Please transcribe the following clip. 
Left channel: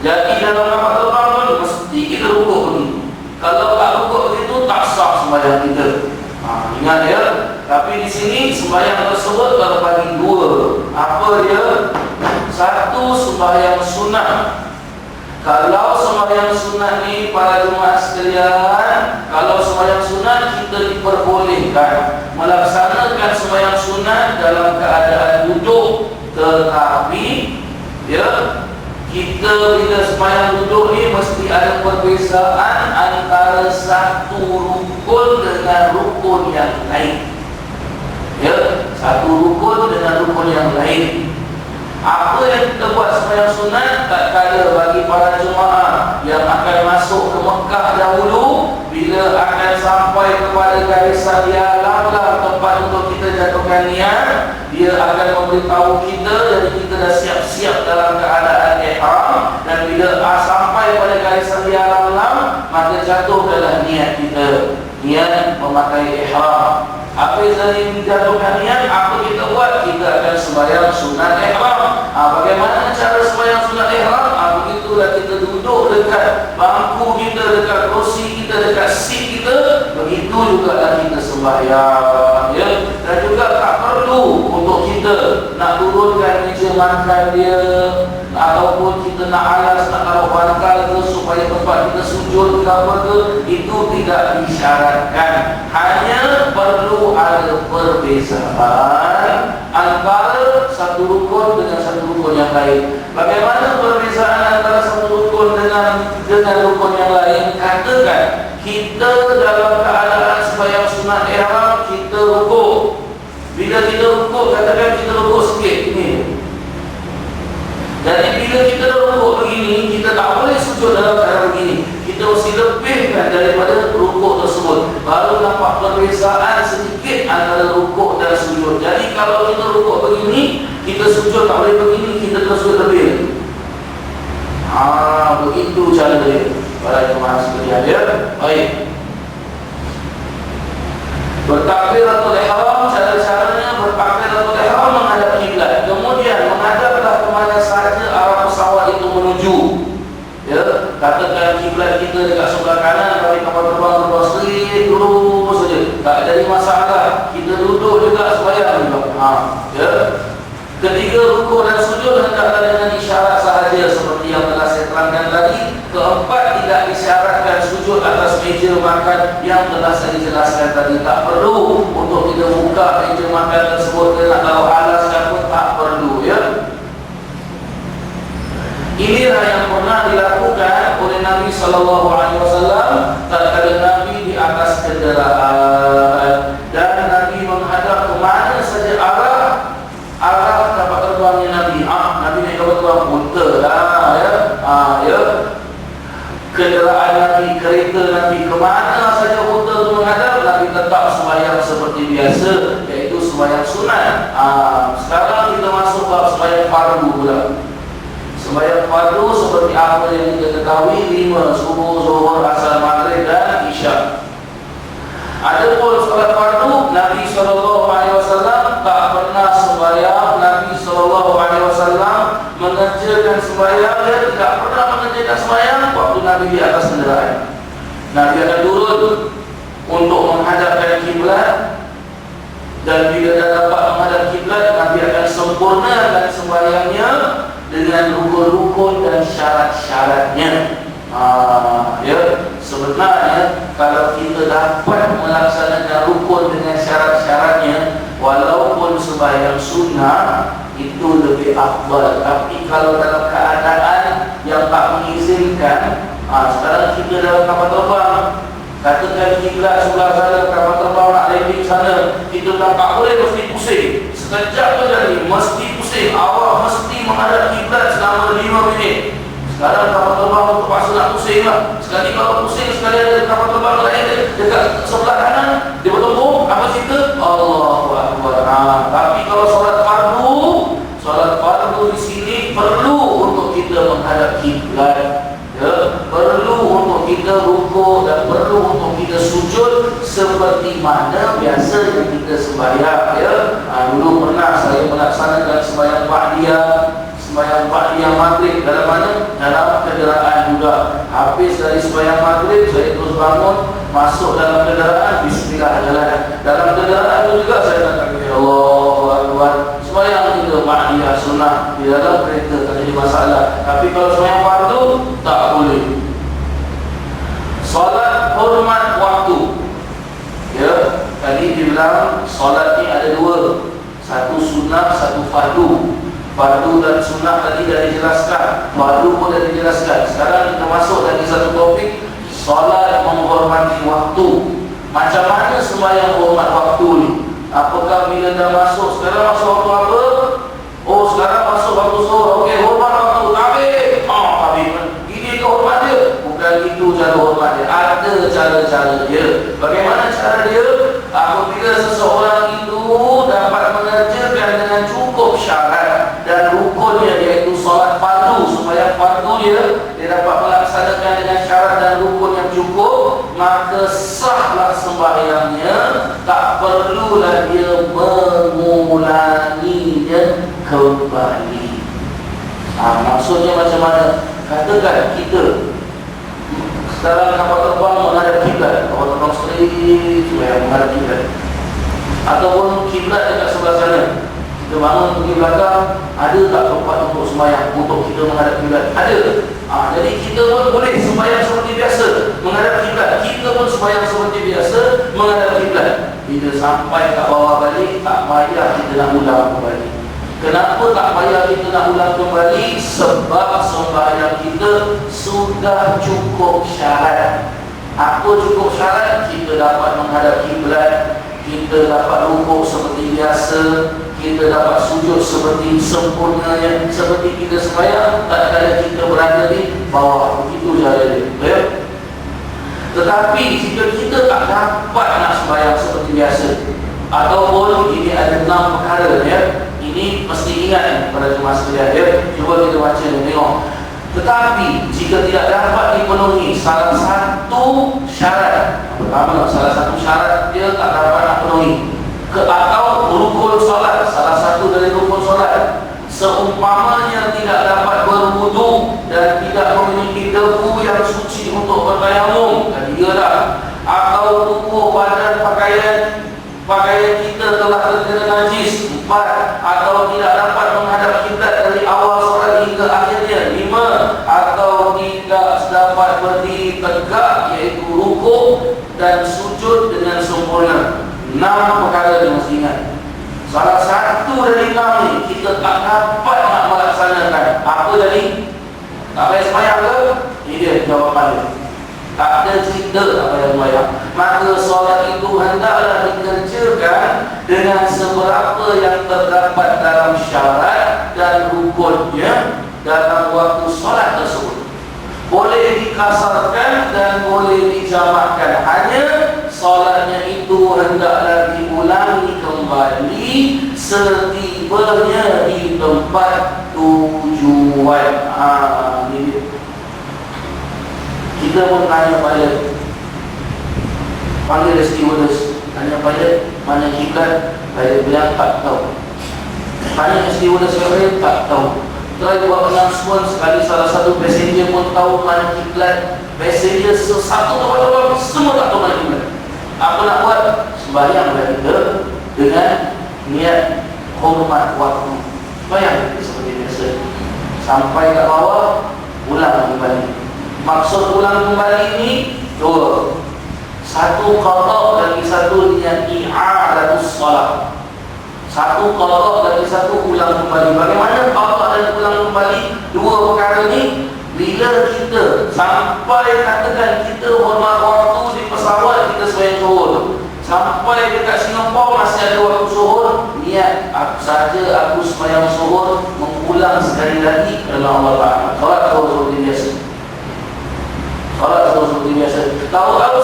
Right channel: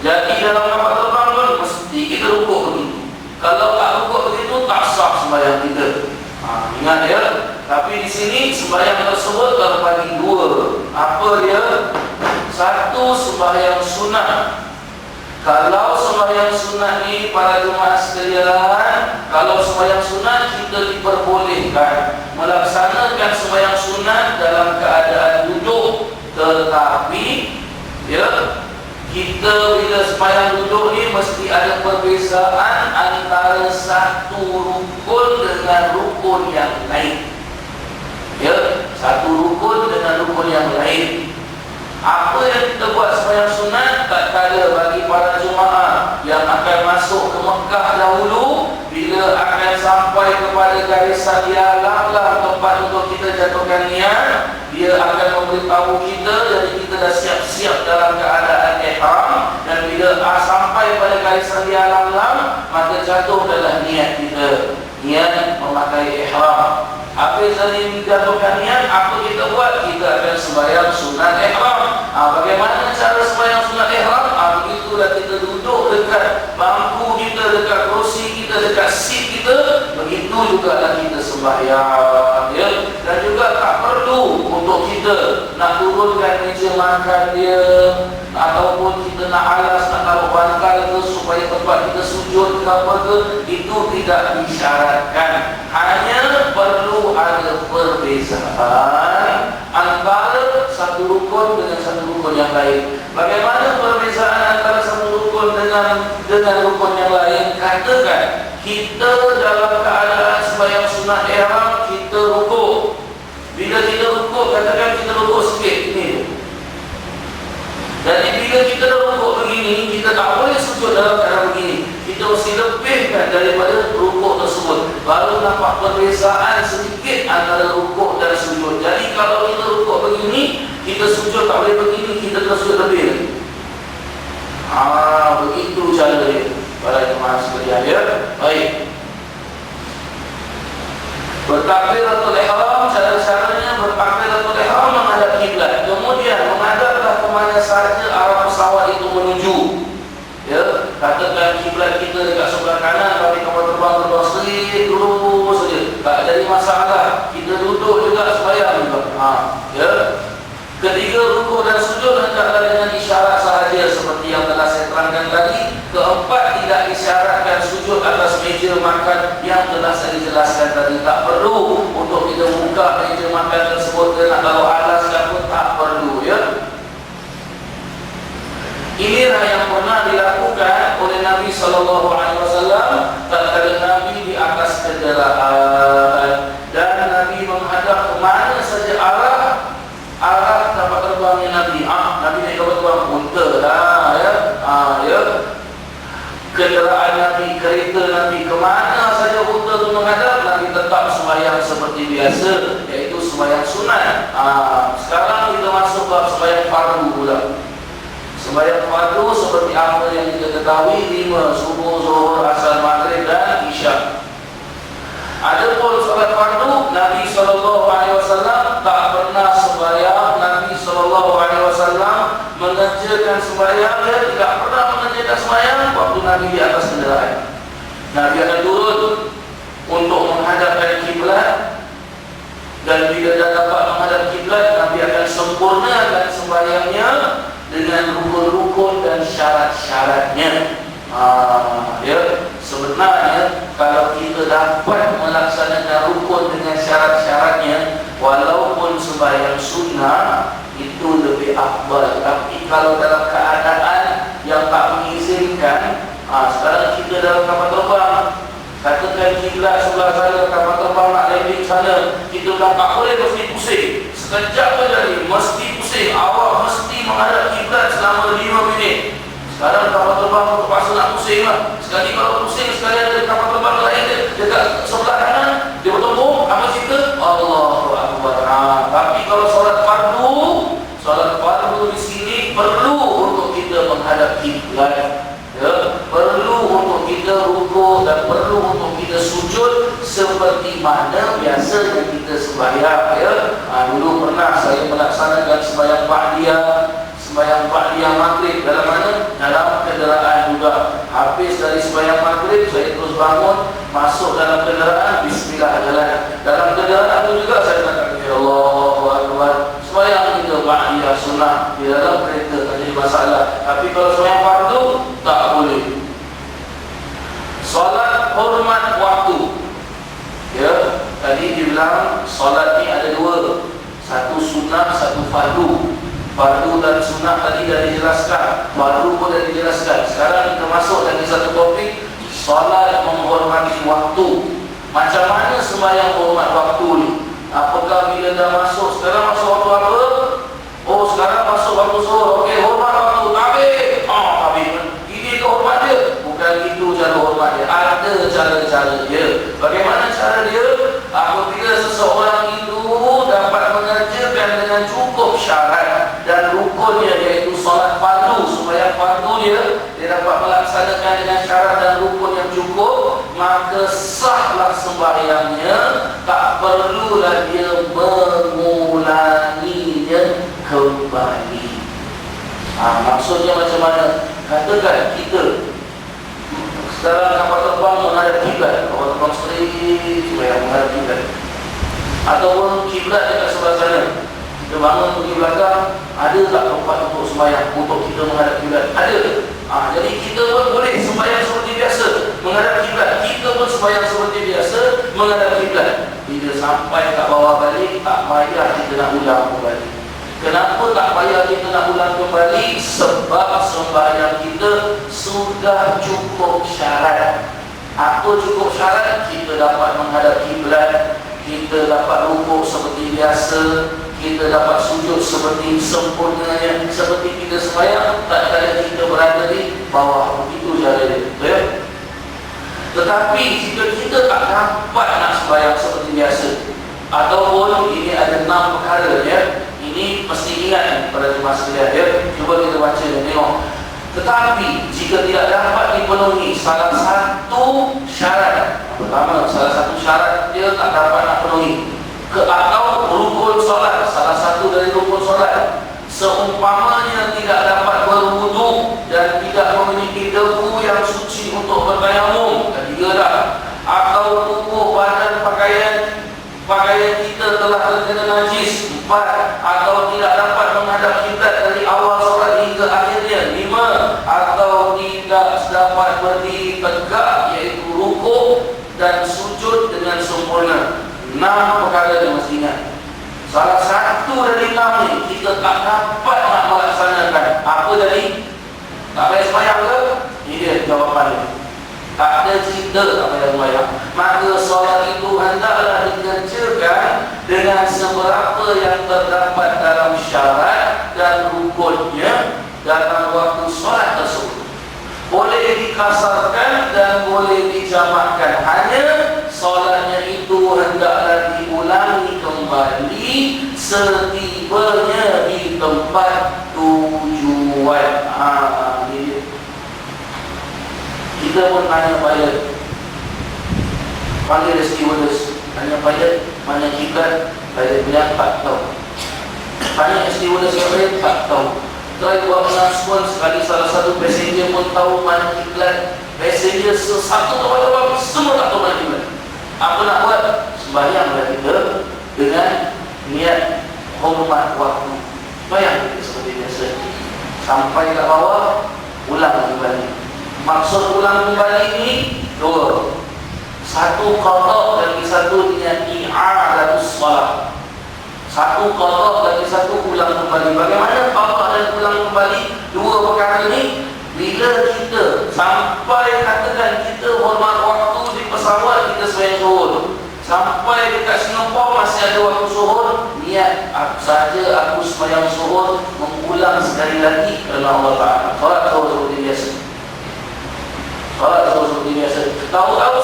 Jadi dalam kapal terbang pun mesti kita rukuk begitu. Kalau tak rukuk begitu tak sah sembahyang kita. Ingat ya. Tapi di sini sembahyang tersebut terbagi dua. Apa dia? Satu, sembahyang sunat. Kalau sembahyang sunat ni para jemaah sekalian, kalau sembahyang sunat kita diperbolehkan melaksanakan sembahyang sunat dalam keadaan duduk. Tetapi ya, kita bila sembahyang duduk ni mesti ada perbezaan antara satu rukun dengan rukun yang lain. Ya, satu rukun dengan rukun yang lain. Apa yang kita buat sembahyang sunat tak kala bagi para jemaah yang akan masuk ke Mekah dahulu, bila akan sampai kepada garisan dia langlah tempat untuk kita jatuhkan niat, dia akan memberitahu kita, jadi kita dah siap-siap dalam keadaan ihram, dan bila sampai pada garisan dia langlah, maka jatuh adalah niat kita, niat memakai ihram. Habis dari menjatuhkan niat, apa kita buat? Kita akan sembahyang sunat ihram. Bagaimana cara sembahyang sunat ihram? Begitulah kita duduk dekat bangku kita, dekat kursi kita, dekat seat kita. Begitu jugalah kita sembahyang, ya. Dan juga tak perlu untuk kita nak turunkan meja makan dia, ataupun kita nak alas, nak taruh bantal ke supaya tempat kita sujud ke apa ke. Itu tidak disyaratkan. Hanya perlu ada perbezaan antara satu rukun dengan satu rukun yang lain. Bagaimana perbezaan antara satu rukun dengan rukun yang lain? Katakan kita dalam keadaan sembahyang sunat ihram, kita rukuk. Bila kita rukuk, katakan kita rukuk sikit ini. Jadi bila kita rukuk begini, kita tak boleh sujud dalam keadaan begini. Kita mesti lebihkan daripada rukuk tersebut. Baru nampak perbezaan sedikit antara rukuk dan sujud. Jadi kalau kita rukuk begini, kita sujud tak boleh begini, kita terus sujud lebih. Begitu cara dia. Para jemaah sekalian, ya. Baik. Bertakbiratul ihram, cara-caranya bertakbiratul ihram menghadap kiblat. Kemudian menghadaplah kemana saja arah pesawat itu menuju. Ya, katakan kiblat kita dekat sebelah kanan, tapi kapal terbang straight lurus saja. Tak jadi masalah. Kita duduk juga sembahyang juga. Ya. Ketiga, rukuk dan sujud hendaklah dengan isyarat sahaja seperti yang telah saya terangkan tadi. Keempat, tidak disyaratkan sujud atas meja makan yang telah saya jelaskan tadi. Tak perlu untuk kita buka meja makan tersebut ke nak taruh alas pun tak perlu, ya. Inilah yang pernah dilakukan oleh Nabi SAW tatkala Nabi di atas kenderaan, dan Nabi menghadap ke mana saja arah kapal terbangnya Nabi. Nabi naik kapal terbang unta lah, ya. Kenderaan Nabi, kereta Nabi, kemana saja unta itu menghadap, Nabi tetap sembahyang seperti biasa, iaitu sembahyang sunat. Sekarang kita masuk bab sembahyang fardu pula. Sembahyang fardu seperti apa yang kita ketahui, 5: subuh, zuhur, asar, maghrib dan isyak. Adapun salat fardu, Nabi SAW tak pernah sembahyang. Nabi SAW mengerjakan sembahyang, dia tidak pernah mengerjakan sembahyang waktu Nabi di atas kenderaan. Nabi akan turun untuk menghadapkan kiblat, dan bila dah dapat menghadap kiblat, Nabi akan sempurnakan sembahyangnya dengan rukun-rukun dan syarat-syaratnya. Ya, sebenarnya kalau kita dapat melaksanakan rukun dengan syarat-syaratnya, walaupun sembahyang sunnah itu lebih afdal. Tapi kalau dalam keadaan yang tak mengizinkan, sekarang kita dalam kapal terbang, katakan kiblat sebelah sana, kapal terbang nak landing sana, kita dah tak boleh, mesti pusing. Sekejap tu jadi mesti pusing. Awak mesti menghadap kiblat selama 5 minit. Sekarang kapal terbang terpaksa nak pusing lah. Sekali kalau pusing, sekali ada kapal terbang lain dekat sebelah kanan, dia bertemu, apa cerita? Allahu Akbar. Tapi kalau solat fardu di sini perlu untuk kita menghadap kiblat, ya, perlu untuk kita rukuk dan perlu untuk kita sujud seperti mana biasa yang kita sembahyang, ya. Dulu pernah saya melaksanakan sembahyang ba'diyah maghrib dalam mana? Dalam Habis dari sembahyang maghrib, saya terus bangun, masuk dalam kenderaan, bismillah jalan. Dalam kenderaan itu juga saya katakan, ya Allahu Akbar. Sembahyang kita ba'diyah sunnah di dalam kereta tak jadi masalah. Tapi kalau sembahyang fardu, tak boleh. Solat hormat waktu. Ya, tadi dibilang solat ni ada dua, satu sunnah, satu fardu. Fardu dan sunnah tadi dah dijelaskan, fardu pun dah dijelaskan. Sekarang kita masuk lagi satu topik, solat menghormati waktu. Macam mana sembahyang hormat waktu ni? Apakah bila dah masuk, sekarang masuk waktu apa? Oh, sekarang masuk waktu zuhur. Okey, hormat waktu. Habis. Habis. Ini ke hormat dia? Bukan itu cara hormat dia. Ada cara-cara dia. Bagaimana cara dia? Apabila seseorang itu dapat mengerjakan dengan cukup syarat dan rukunnya, iaitu solat fardu, sembahyang fardu dia dapat melaksanakan dengan syarat dan rukun yang cukup, maka sahlah sembahyangnya, tak perlulah dia mengulanginya kembali. Maksudnya macam mana? Katakan kita sekarang kapal terbang menghadap kiblat, kapal terbang straight menghadap kiblat, ataupun kiblat dekat sebelah sana. Kita bangun pergi belakang, ada tak tempat untuk sembahyang untuk kita menghadap kiblat? Ada. Jadi kita pun boleh sembahyang seperti biasa menghadap kiblat. Kita pun sembahyang seperti biasa menghadap kiblat. Bila sampai kat bawah balik, tak payah kita nak ulang kembali. Kenapa tak payah kita nak ulang kembali? Sebab sembahyang kita sudah cukup syarat. Apa cukup syarat? Kita dapat menghadap kiblat, kita dapat rukuk seperti biasa, kita dapat sujud seperti sempurnanya, seperti kita sembahyang tak ada kita berada di bawah. Begitu cara dia, ya? Tetapi jika kita tak dapat nak sembahyang seperti biasa, ataupun ini ada 6 perkara, ya, ini mesti ingat pada jemaah sekalian, ya. Cuba kita baca dan tengok. Tetapi jika tidak dapat dipenuhi salah satu syarat, pertama, salah satu syarat dia tak dapat nak penuhi, atau rukun solat, salah satu dari rukun solat, seumpamanya tidak dapat berwudu dan tidak memiliki debu yang suci untuk bertayamum, ketiga dah, atau tubuh badan pakaian kita telah terkena najis, 4, atau tidak dapat menghadap kiblat dari awal solat hingga akhirnya, 5, atau tidak dapat berdiri tegak, iaitu rukuk dan sujud dengan sempurna. 6 perkara dia mesti ingat. Salah satu dari 6 ni kita tak dapat nak melaksanakan, apa jadi? Tak payah sembahyang ke? Ini dia jawapan dia. Tak ada cerita tak payah sembahyang. Maka solat itu hendaklah dikerjakan dengan seberapa yang terdapat dalam syarat dan rukunnya dalam waktu solat tersebut. Boleh dikasarkan dan boleh dijamakkan. Hanya solatnya itu hendaklah diulangi kembali setibanya di tempat tujuan. Ini dia. Kita pun tanya pilot, panggil stewardess, tanya pilot mana kiblat, pilot bilang tak tahu. Tanya stewardess yang lain, tak tahu. Try buat announcement sekali, salah satu passenger pun tahu mana kiblat. Passenger satu terbang semua tak tahu mana kiblat. Apa nak buat? Sembahyanglah kita dengan niat hormat waktu. Sembahyang seperti biasa. Sampai kat bawah, ulang kembali. Maksud ulang kembali ini 2. Satu qada, lagi satu niat i'adatus shalah. Satu qada, lagi satu ulang kembali. Bagaimana qada dan ulang kembali? 2 perkara ini. Bila kita sampai, katakan kita hormat waktu di pesawat, kita sembahyang zuhur, sampai dekat Singapura masih ada waktu zuhur, niat aku sembahyang zuhur, mengulang sekali lagi kerana Allah Ta'ala. Solat zuhur seperti biasa. Solat zuhur seperti biasa. Tahu-tahu